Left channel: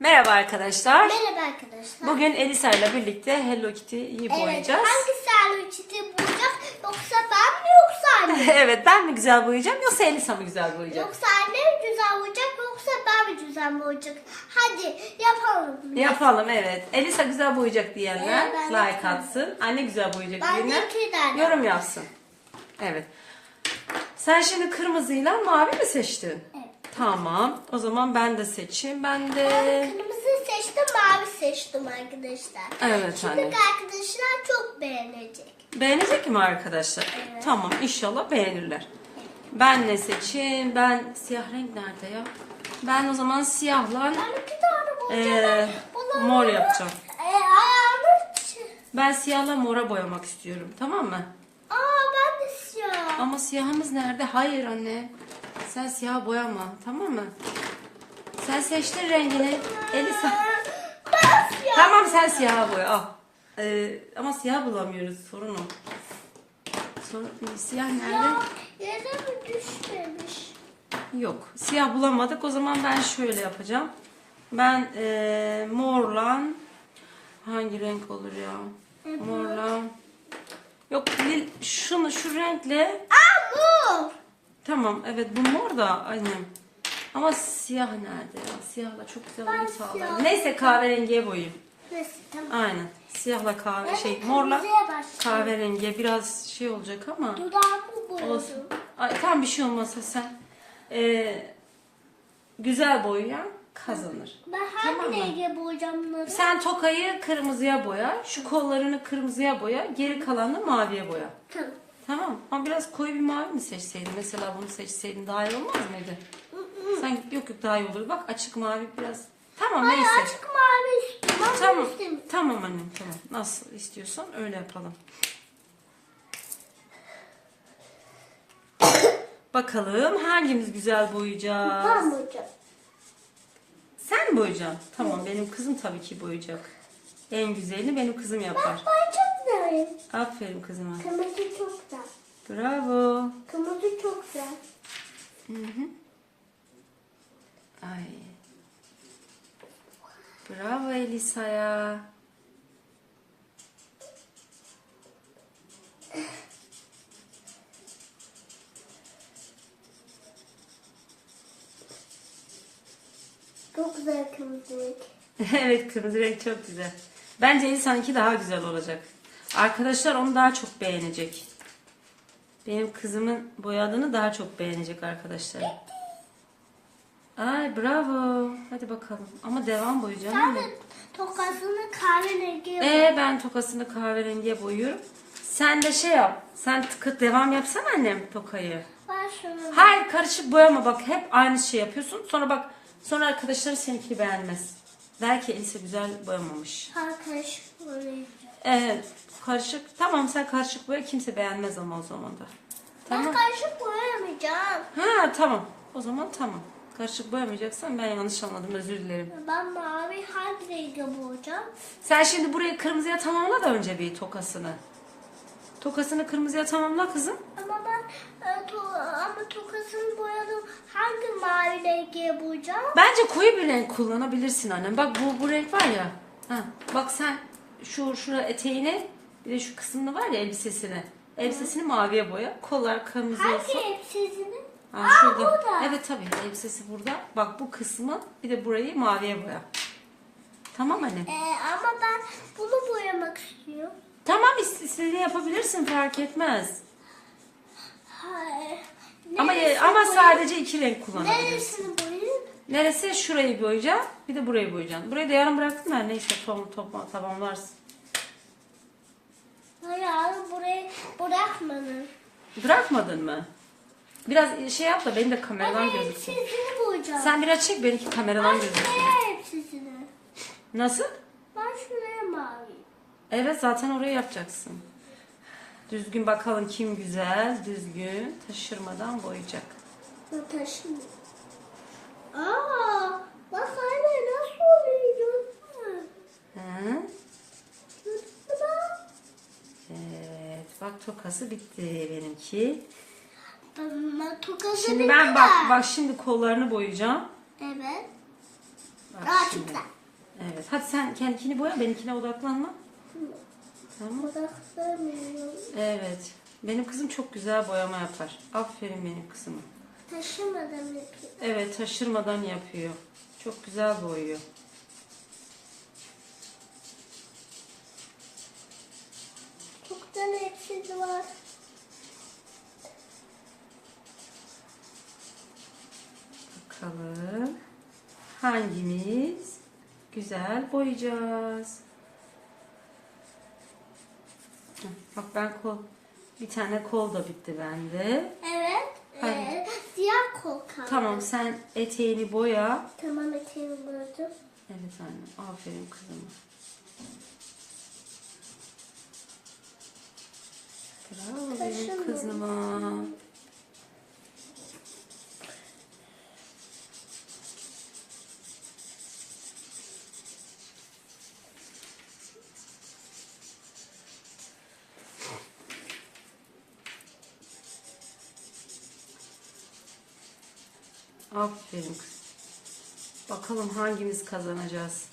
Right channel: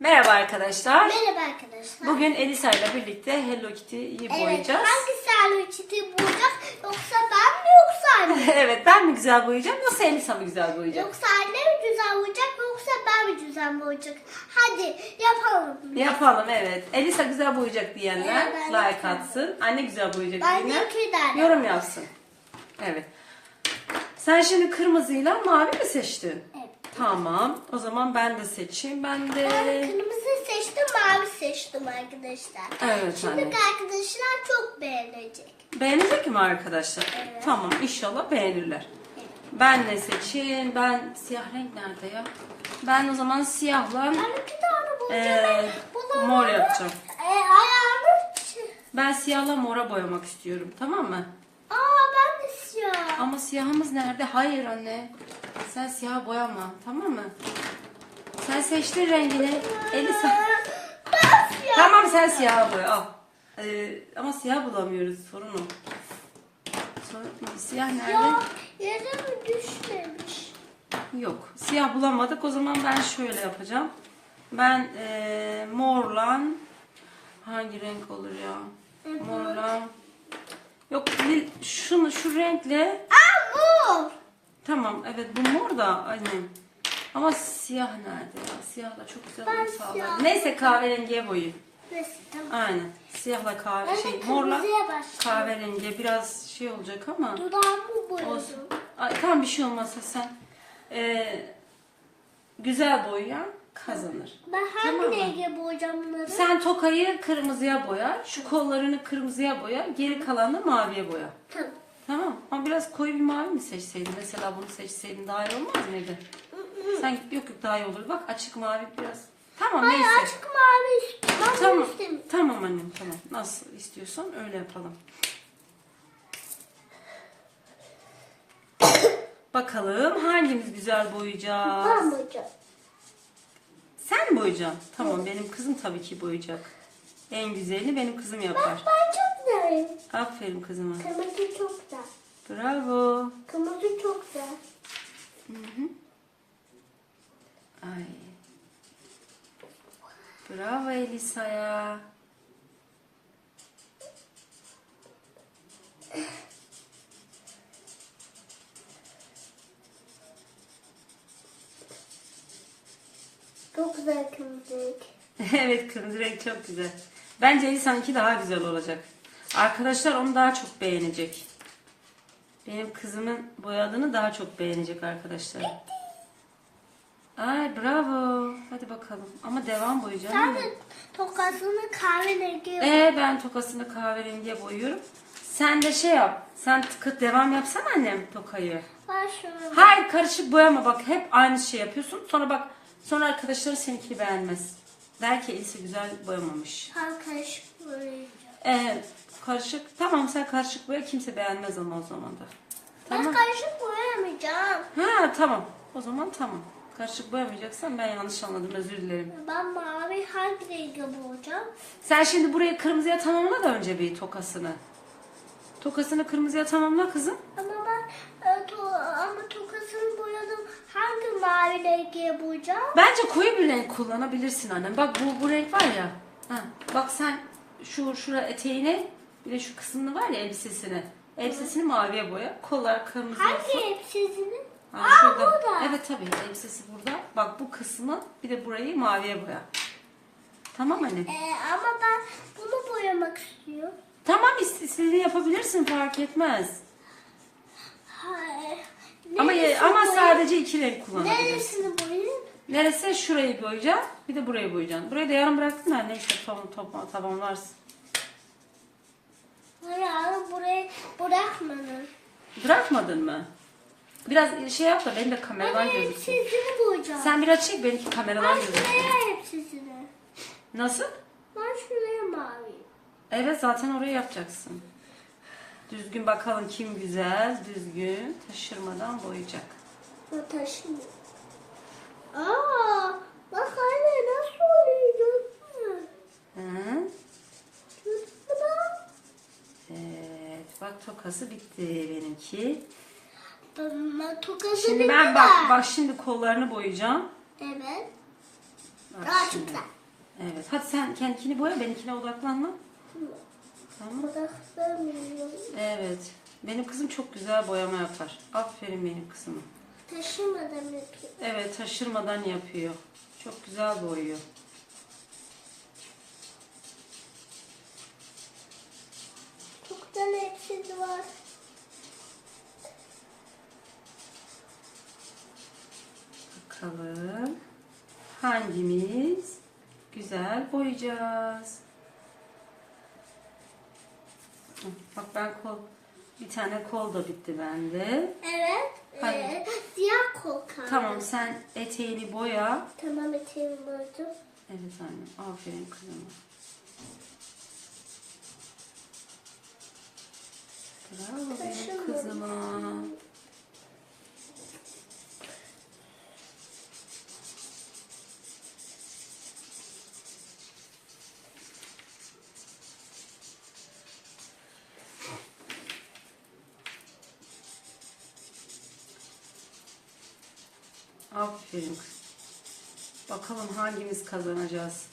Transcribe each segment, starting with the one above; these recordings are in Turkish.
Merhaba arkadaşlar. Merhaba arkadaşlar. Bugün Elisa ile birlikte Hello Kitty'yi evet, boyayacağız. hangisi Hello boyayacak? Yoksa ben mi yoksa anne? evet ben mi güzel boyayacağım yoksa Elisa mı güzel boyayacak? yoksa anne mi güzel boyayacak yoksa ben mi güzel boyayacak? Hadi yapalım. Yapalım evet. Elisa güzel boyayacak diyenler Evet, like atsın. Anne güzel boyayacak Ben diyenler yorum yapsın. Evet. Sen şimdi kırmızıyla mavi mi seçtin? Evet. Tamam. O zaman ben de seçeyim. Ben de... Ben kırmızı seçtim, mavi seçtim arkadaşlar. Evet Şimdi anne. arkadaşlar çok beğenecek. Beğenecek mi arkadaşlar? Evet. Tamam inşallah beğenirler. Ben ne seçeyim? Ben siyah renk nerede ya? Ben o zaman siyahla Ben iki tane boyayacağım. Ee, mor yapacağım. E, ayağını... ben siyahla mora boyamak istiyorum. Tamam mı? Aa ben de siyah. Ama siyahımız nerede? Hayır anne. Sen siyah boyama. Tamam mı? Sen seçtin rengini. Elisa. Tamam sen siyah boya. Al. Ee, ama siyah bulamıyoruz. Sorun o. Sorun, siyah nerede? Ya yere mi düşmemiş? Yok. Siyah bulamadık. O zaman ben şöyle yapacağım. Ben eee morla hangi renk olur ya? Morla. Yok şunu şu renkle Aa bu. Tamam evet bu mor da annem. Ama siyah nerede ya? Siyahla çok güzel Ben uyum sağlar. siyah- Neyse kahverengiye boyayayım. Neyse tamam. Aynen. Siyahla kahve Ben şey de morla kırmızıya kahverengiye biraz şey olacak ama Dudağımı boyadım. Olsun. Ay, tamam bir şey olmazsa sen ee, güzel boyayan kazanır. Ben hangi Tamam mı? renge boyayacağım bunları? Sen tokayı kırmızıya boya, şu kollarını kırmızıya boya, geri kalanını maviye boya. Tamam. Tamam. Ama biraz koyu bir mavi mi seçseydin? Mesela bunu seçseydin daha iyi olmaz mıydı? Sen yok yok daha iyi olur. Bak açık mavi biraz. Tamam Hayır neyse. açık mavi istiyorum. Ben Tamam. bunu istemiyorum. Tamam annem tamam. Nasıl istiyorsan öyle yapalım. Bakalım hangimiz güzel boyayacağız? Ben boyayacağım. Sen boyayacaksın? Tamam benim kızım tabii ki boyayacak. En güzelini benim kızım yapar. Ben çok güzelim. Aferin kızıma. Kırmızı çok güzel. Bravo. Kırmızı çok güzel. Ay. Bravo Elisa'ya. Çok güzel kırmızı renk. evet kırmızı renk çok güzel. Bence Elisa'nınki daha güzel olacak. Arkadaşlar onu daha çok beğenecek. Benim kızımın boyadığını daha çok beğenecek arkadaşlar. Ay bravo. Hadi bakalım. Ama devam boyayacağım. Sen de tokasını kahverengi yap. Ee, ben tokasını kahverengiye boyuyorum. Sen de şey yap. Sen tıkıt devam yapsana annem tokayı. Ben şunu Hayır karışık boyama bak. Hep aynı şey yapıyorsun. Sonra bak sonra arkadaşların seninkini beğenmez. Der ki Elisa güzel boyamamış. karışık boyayacağım. Evet karışık. Tamam sen karışık boya kimse beğenmez ama o zaman da. Ben Tamam. karışık boyamayacağım. Ha tamam. O zaman tamam. Karışık boyamayacaksan ben yanlış anladım özür dilerim. Ben mavi hangi rengi boyayacağım? Sen şimdi burayı kırmızıya tamamla da önce bir tokasını. Tokasını kırmızıya tamamla kızım. Ama ben e, to, ama tokasını boyadım. Hangi mavi rengi boyayacağım? Bence koyu bir renk kullanabilirsin annem. Bak bu bu renk var ya. Ha, bak sen şu şura eteğini bir de şu kısmını var ya elbisesini. Elbisesini maviye boya. Kollar kırmızı Hangi olsun. hepsini? Ha, Aa şurada. burada. Evet tabii elbisesi burada. Bak bu kısmı bir de burayı maviye boya. Tamam anne. E, ama ben bunu boyamak istiyorum. Tamam is- istediğini yapabilirsin fark etmez. Hayır. Ama Neresini ama boyayayım? sadece iki renk kullanabilirsin. Neresini boyayayım? Neresi? Şurayı boyayacaksın. Bir de burayı boyayacaksın. Burayı da yarım bıraktın da neyse top, tamamlarsın. Hayır burayı bırakmadın. Bırakmadın mı? Biraz şey yap da benim de kameradan Ben gözüksün. hepsini boyayacağım. Sen biraz çek benimki kameradan Ben gözüksün. şuraya hepsini. Nasıl? Ben şuraya mavi. Evet zaten oraya yapacaksın. Düzgün bakalım kim güzel, düzgün, taşırmadan boyayacak. Bu taşımıyor. Aa, bak anne nasıl oluyor gördün mü? Hı? Evet, bak tokası bitti benimki. Ben tokası Şimdi bitti ben de. bak bak şimdi kollarını boyayacağım. Evet. Bak Daha şimdi. güzel. Evet. Hadi sen kendikini boya, benimkine odaklanma. Tamam. Odaklanmıyorum. Evet. Benim kızım çok güzel boyama yapar. Aferin benim kızıma. Taşımadan yapayım. Evet, taşırmadan yapıyor. Çok güzel boyuyor. Da hepsi var. Bakalım hangimiz güzel boyayacağız. Bak ben kol bir tane kol da bitti bende. Evet. Hayır. Ee, siyah kol kaldı. Tamam sen eteğini boya. Tamam eteğimi boyadım. Evet anne aferin kızıma. Bravo benim kızıma. Aferin. Bakalım hangimiz kazanacağız.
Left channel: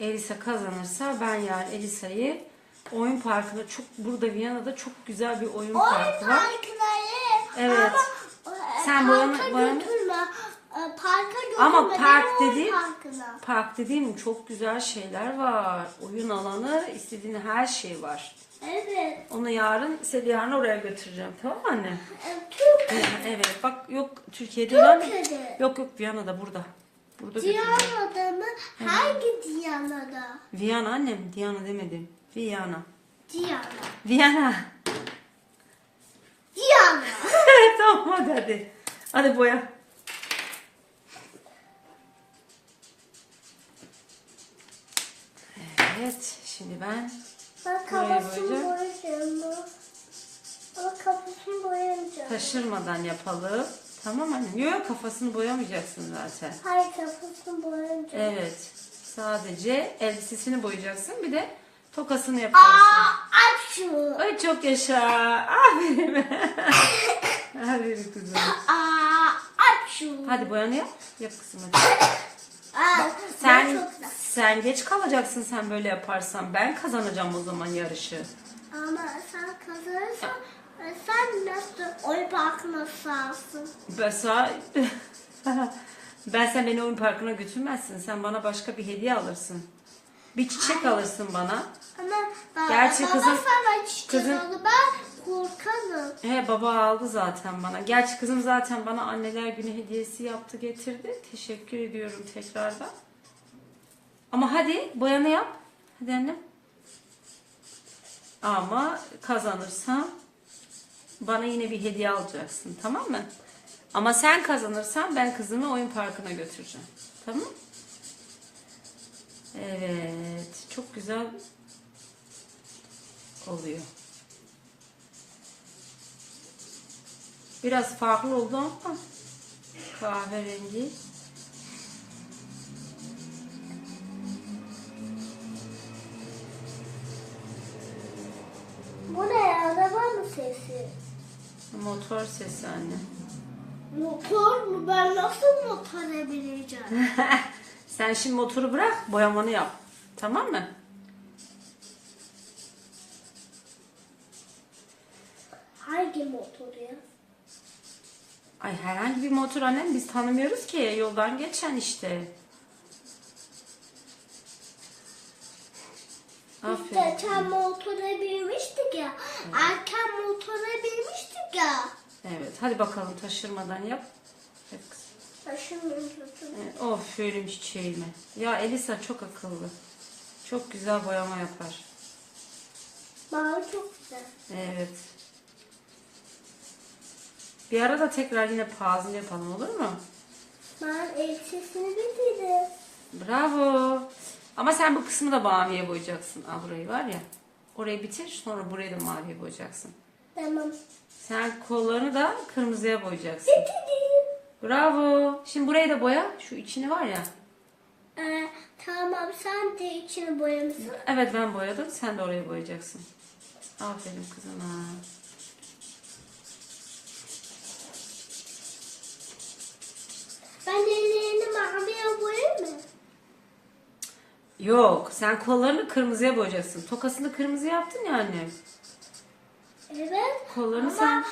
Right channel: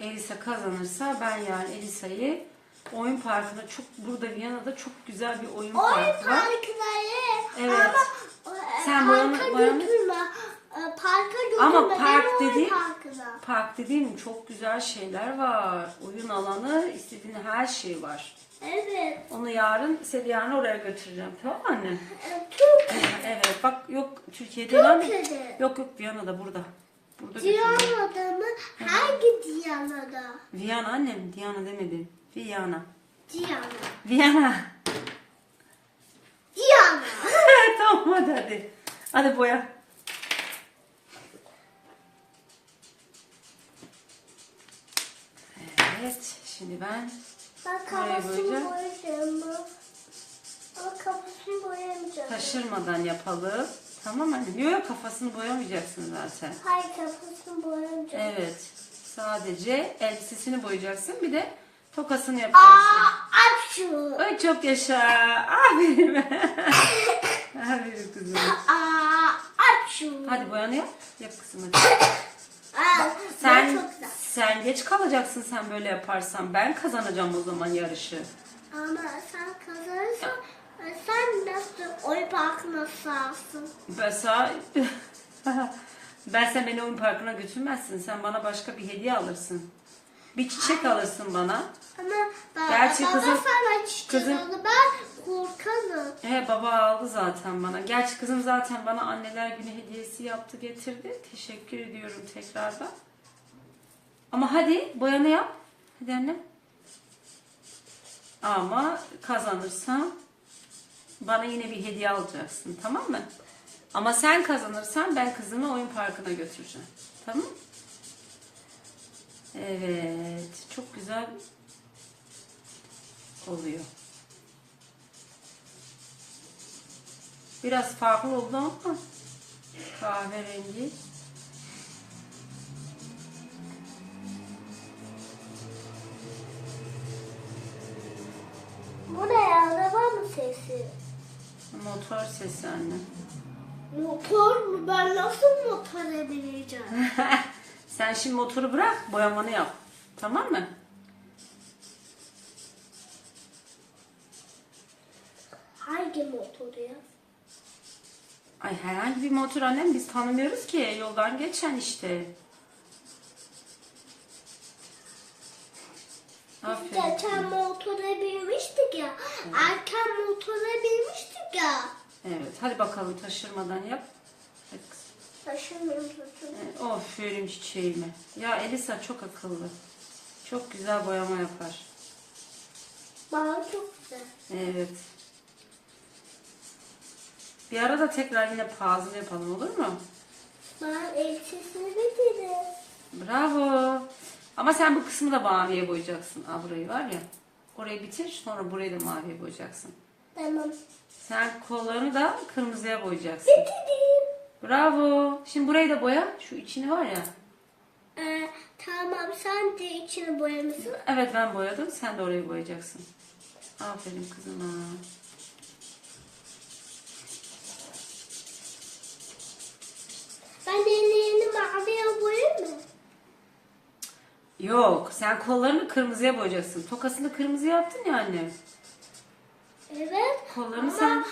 Elisa kazanırsa ben yani Elisa'yı oyun parkında çok burada Viyana'da çok güzel bir oyun Oyun parkı var. parkları. Evet. Ama e, Sen parka boyanı- boyanı- götürme. E, Parka götürme. Ama park oyun dedi- Parkına. Park dediğim çok güzel şeyler var. Oyun alanı, istediğin her şey var. Evet. Onu yarın, seni yarın oraya götüreceğim. Tamam mı anne? E, Türk. Evet bak yok Türkiye'de. Türkiye'de. Yok yok Viyana'da burada. Burada. Diyana'da mı? Hangi Diyana'da? Viyana annem. Diana demedim. Viyana. Diyana. Viyana. Diyana. tamam hadi hadi. Hadi boya. Evet. Şimdi ben Ben kafasını boyayacağım. Ama kafasını boyamayacağım. taşırmadan yapalım. Tamam anne. Yok kafasını boyamayacaksın zaten. Hayır kafasını boyamayacağım. Evet. Sadece elbisesini boyayacaksın. Bir de tokasını yapacaksın. Aa, aç şunu. Ay çok yaşa. Aferin. Aferin kızım. Aa, aç şunu. Hadi boyanı yap. Yap kızım hadi. Aa, Sen, çok güzel. sen geç kalacaksın sen böyle yaparsan. Ben kazanacağım o zaman yarışı. Ama sen kazanırsan e, sen nasıl oy parkına sağsın? Ben sana... ben sen beni oyun parkına götürmezsin. Sen bana başka bir hediye alırsın. Bir çiçek alırsın bana. Ama ba- Gerçi baba kızım- sana çiçek kızım- aldı, ben korkarım. He baba aldı zaten bana. Gerçi kızım zaten bana anneler günü hediyesi yaptı getirdi. Teşekkür ediyorum tekrardan. Ama hadi boyanı yap. Hadi annem. Ama kazanırsam bana yine bir hediye alacaksın tamam mı? Ama sen kazanırsan ben kızımı oyun parkına götüreceğim. Tamam Evet. Çok güzel oluyor. Biraz farklı oldu ama kahverengi. Bu ne ya? Araba mı sesi? Motor sesi anne. Motor mu? Ben nasıl motora bineceğim? Sen şimdi motoru bırak, boyamanı yap. Tamam mı? Hangi motor ya? Ay herhangi bir motor annem biz tanımıyoruz ki. Yoldan geçen işte. Biz Aferin. geçen motora binmiştik ya. Erken motora binmiştik ya. Evet hadi bakalım taşırmadan yap. Hep kızım. Taşımıyorum tutun. Evet, Of verim çiçeğimi. Ya Elisa çok akıllı. Çok güzel boyama yapar. Bana çok güzel. Evet. Bir ara da tekrar yine puzzle yapalım olur mu? Ben elbisesini bitirdim. Bravo. Ama sen bu kısmı da maviye boyayacaksın. Al burayı var ya. Orayı bitir sonra burayı da maviye boyayacaksın. Tamam. Sen kollarını da kırmızıya boyayacaksın. Bitirdim. Bravo. Şimdi burayı da boya. Şu içini var ya. Ee, tamam sen de içini boyamışsın. Evet ben boyadım. Sen de orayı boyayacaksın. Aferin kızına. Ben ellerini mavi Yok sen kollarını kırmızıya boyayacaksın. Tokasını kırmızı yaptın ya annem. Evet. Kollarını Ama sen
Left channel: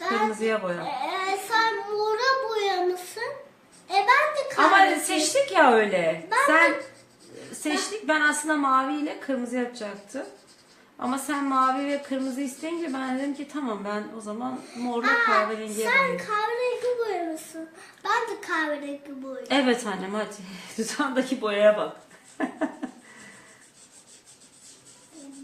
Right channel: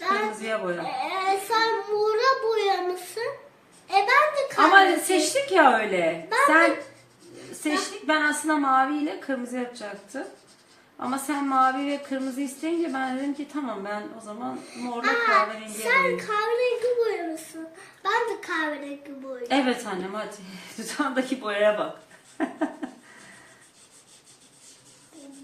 ben, kırmızıya boya. e, sen mora boyamışsın. E ben kahve seçtik ya öyle. Ben sen seçtik ben aslında mavi ile kırmızı yapacaktım. Ama sen mavi ve kırmızı isteyince ben dedim ki tamam ben o zaman morla Aa, kahverengiye sen boyayayım. kahverengi boyamışsın. Ben de kahverengi boyadım. Evet annem hadi. Dudağındaki boyaya bak.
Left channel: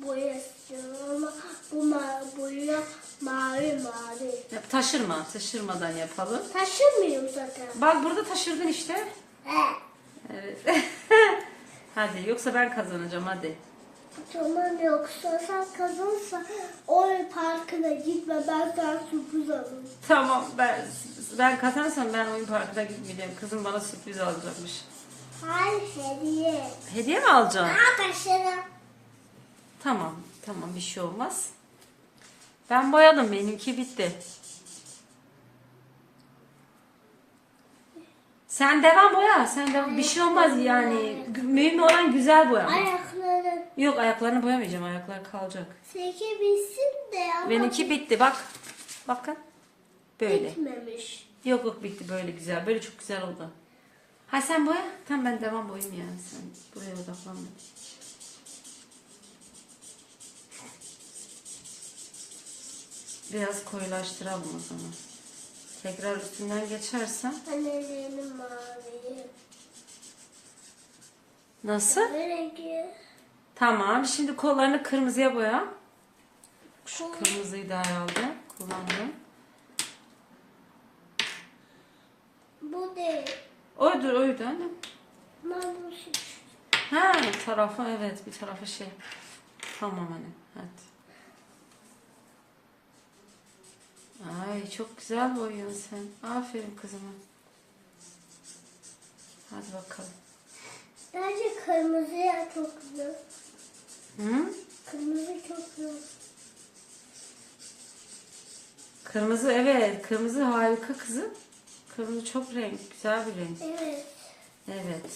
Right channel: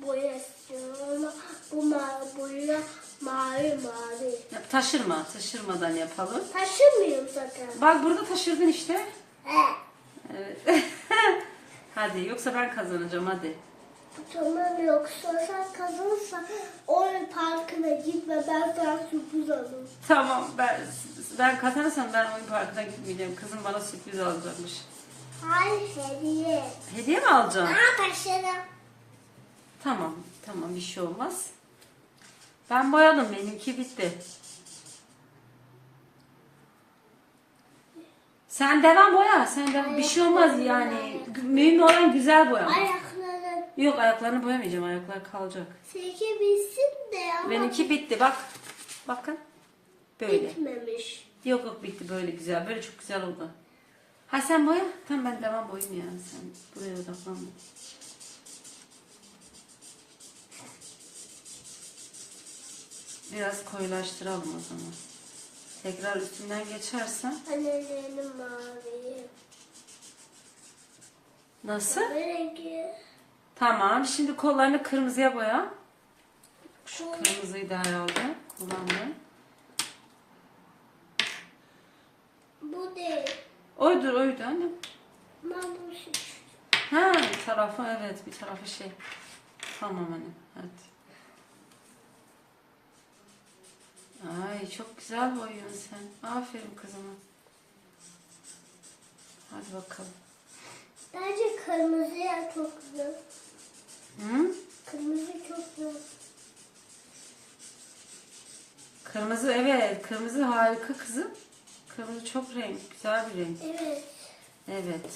Boya istiyorum ama bu ma boya mavi mavi. Taşırma. Taşırmadan yapalım. Taşımıyorum zaten. Bak burada taşırdın işte. Evet. hadi yoksa ben kazanacağım hadi. Tamam yoksa sen kazanırsan oyun parkına gitme ben sana sürpriz alırım. Tamam ben ben kazansam ben oyun parkına gitmeyeceğim. Kızım bana sürpriz alacakmış. Hayır hediye. Hediye mi alacağım? Aa taşırım. Tamam tamam bir şey olmaz. Ben boyadım benimki bitti. Sen devam boya. Sen devam. Bir şey olmaz yani. Mühim olan güzel boya. Ayakları Yok ayaklarını boyamayacağım. Ayaklar kalacak. sekebilsin de ama Benimki bitti bak. Bakın. Böyle. bitmemiş. Yok yok bitti böyle güzel. Böyle çok güzel oldu. Ha sen boya. Tamam ben devam boyayayım yani. Sen buraya odaklanma. Biraz koyulaştıralım o zaman. Tekrar üstünden geçersen. Annelerim mavi. Nasıl? Kahverengi. Tamam. Şimdi kollarını kırmızıya boya. Şu Kırmızıyı da aldım. Kullandım. bu değil. Oydur oydu annem. Şey. Ha tarafı evet bir tarafı şey. Tamam annem hadi. Ay çok güzel boyuyorsun sen. Aferin kızıma. Hadi bakalım. Bence kırmızıya çok güzel. Hı? Kırmızı çok güzel. Kırmızı evet. Kırmızı harika kızım. Kırmızı çok renk. Güzel bir renk. Evet. Evet.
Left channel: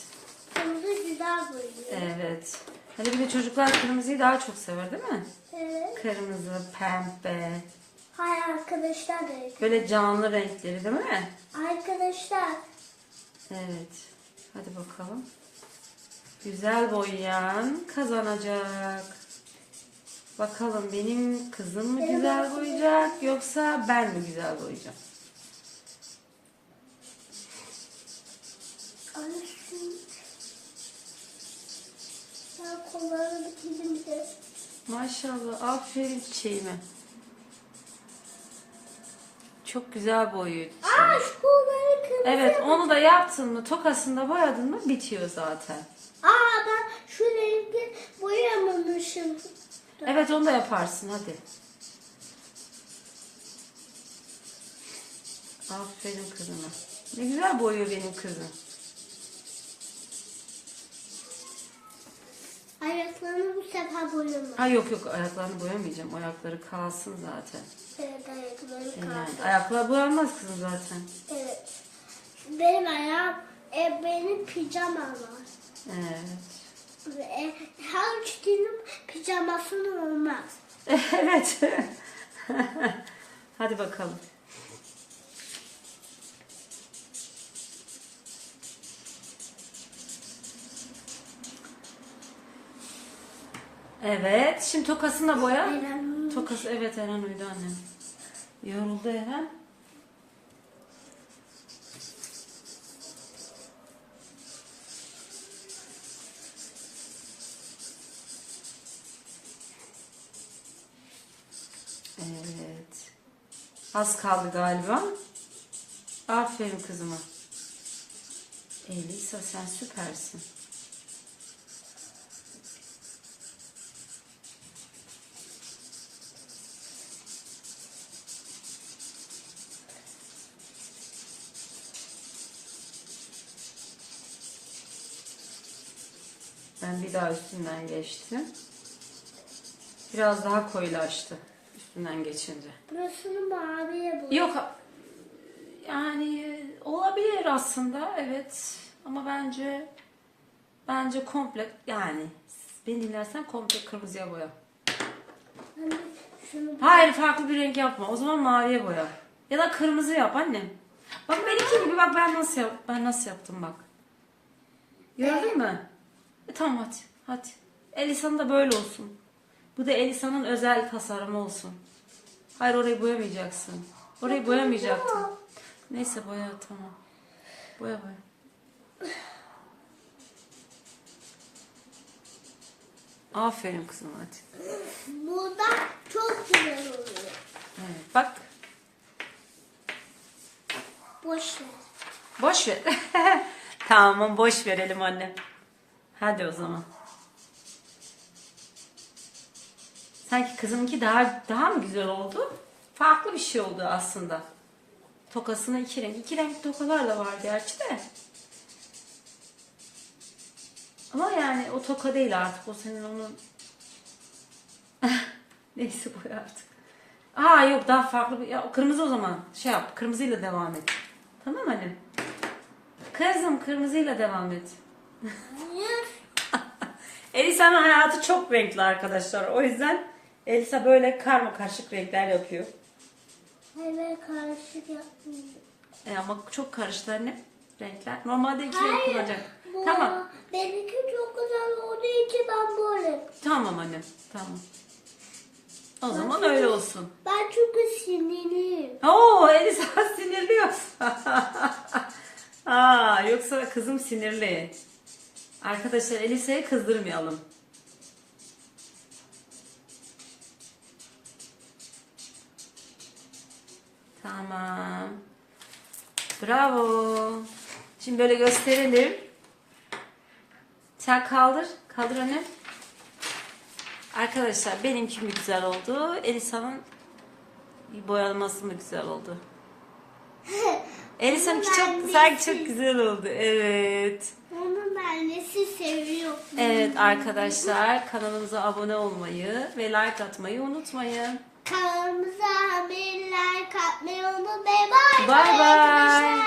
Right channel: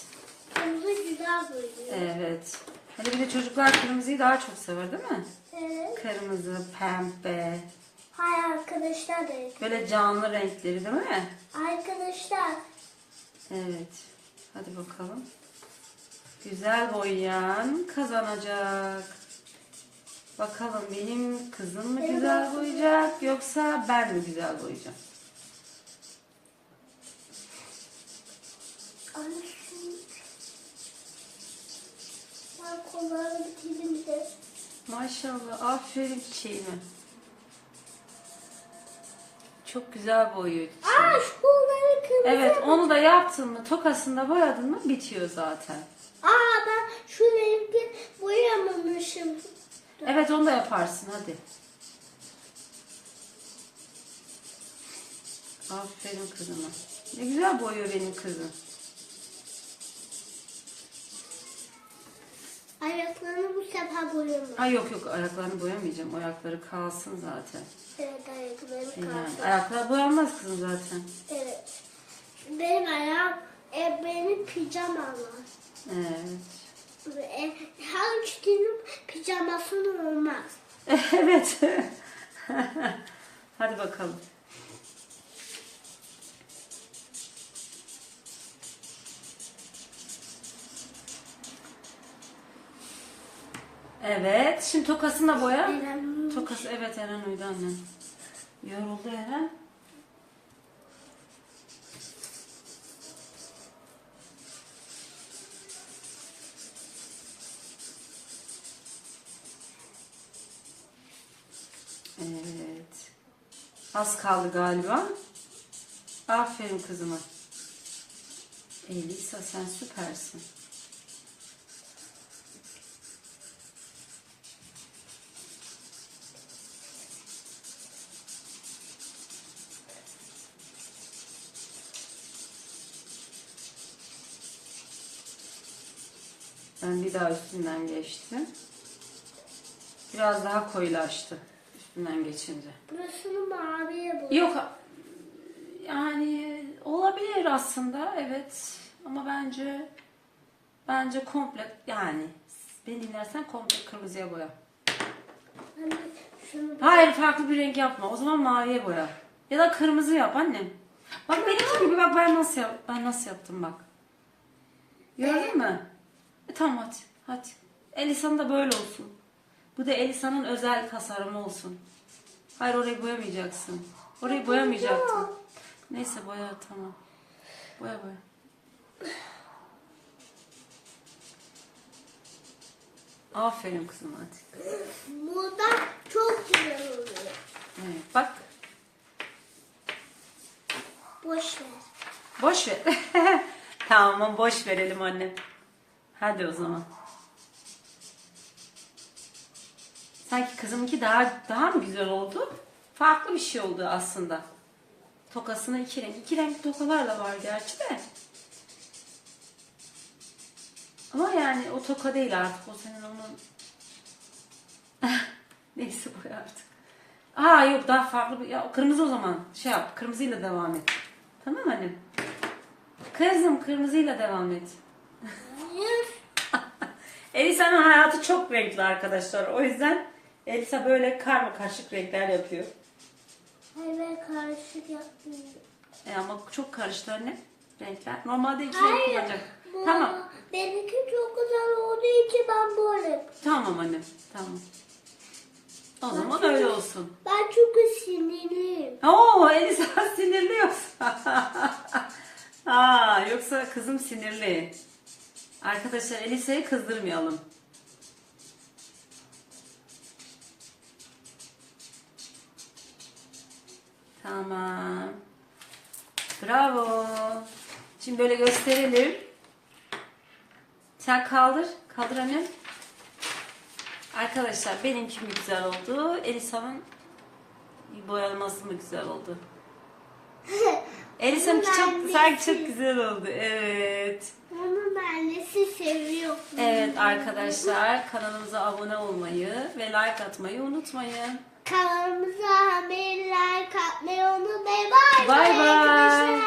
Kırmızı güzel boyuyor. Evet. Hani bir de çocuklar kırmızıyı daha çok sever değil mi? Evet. Kırmızı, pembe. Hay arkadaşlar da. Böyle canlı renkleri değil mi? Arkadaşlar. Evet. Hadi bakalım. Güzel boyayan kazanacak. Bakalım benim kızım mı güzel boyayacak yoksa ben mi güzel boyayacağım? Anne şunu. Ben kollarını bitirdim bir de. Maşallah aferin çiçeğime. Çok güzel boyuyor çiçeği. Aa şu kolları kırmızı. Evet onu da yaptın mı tokasında boyadın mı bitiyor zaten. Aa ben şu rengi boyamamışım. Evet onu da yaparsın hadi. Aferin kızıma. Ne güzel boyuyor benim kızım. Ayaklarını bu sefer boyamam. Ha yok yok ayaklarını boyamayacağım. Ayakları kalsın zaten. Evet ayakları Yani kaldı. ayaklar boyanmaz kızım zaten. Evet. Benim ayağım e, benim pijamam var. Evet. E, her üçünün pijamasının olmaz. evet. Hadi bakalım. Evet. Şimdi tokasını da boya. Tokası evet Eren uydu annem. Yoruldu Eren. Evet. Az kaldı galiba. Aferin kızıma. Elisa sen süpersin. Ben bir daha üstünden geçtim. Biraz daha koyulaştı üstünden geçince. Burasını maviye boy. Yok yani olabilir aslında evet ama bence Bence komple yani beni dinlersen komple kırmızıya boya. Anne şunu Hayır farklı bir renk yapma. O zaman maviye boya. Ya da kırmızı yap annem. Bak benimki gibi bak ben nasıl yap ben nasıl yaptım bak. Gördün mü? E, tamam hadi. Hadi. Elisa'nın da böyle olsun. Bu da Elisa'nın özel tasarımı olsun. Hayır orayı boyamayacaksın. Orayı boyamayacaktın. Neyse boya tamam. Boya boya. Aferin kızım hadi. burada çok güzel oluyor. Evet, bak Boş ver. Boş ver. tamam boş verelim anne. Hadi o zaman. Sanki kızımki daha daha mı güzel oldu? Farklı bir şey oldu aslında. Tokasına iki renk. iki renk tokalar da var gerçi de. Ama yani o toka değil artık. O senin onun... Neyse boy artık. Aa yok daha farklı bir... Ya, kırmızı o zaman. Şey yap. Kırmızıyla devam et. Tamam annem. Kızım kırmızıyla devam et. Elisa'nın hayatı çok renkli arkadaşlar. O yüzden Elisa böyle karma karışık renkler yapıyor. Hayır ben karışık yapmıyorum. E ama çok karıştı anne renkler. Normalde iki renk Hayır. kullanacak. Bu, Tamam. Benimki çok güzel olduğu için ben böyle. Tamam annem. Tamam. O zaman öyle olsun. Ben çünkü sinirliyim. Oo Elisa sinirli yoksa. Aa, yoksa kızım sinirli. Arkadaşlar Elisa'yı kızdırmayalım. Tamam. Bravo. Şimdi böyle gösterelim. Sen kaldır. Kaldır annem. Arkadaşlar benimki mi güzel oldu? Elisa'nın boyaması mı güzel oldu? Elisa'nınki çok, annesi. sanki çok güzel oldu. Evet. Onun annesi seviyor. Evet arkadaşlar kanalımıza abone olmayı ve like atmayı unutmayın. Kanalımıza haberler katmayı unutmayın. Bye Bay bay. arkadaşlar.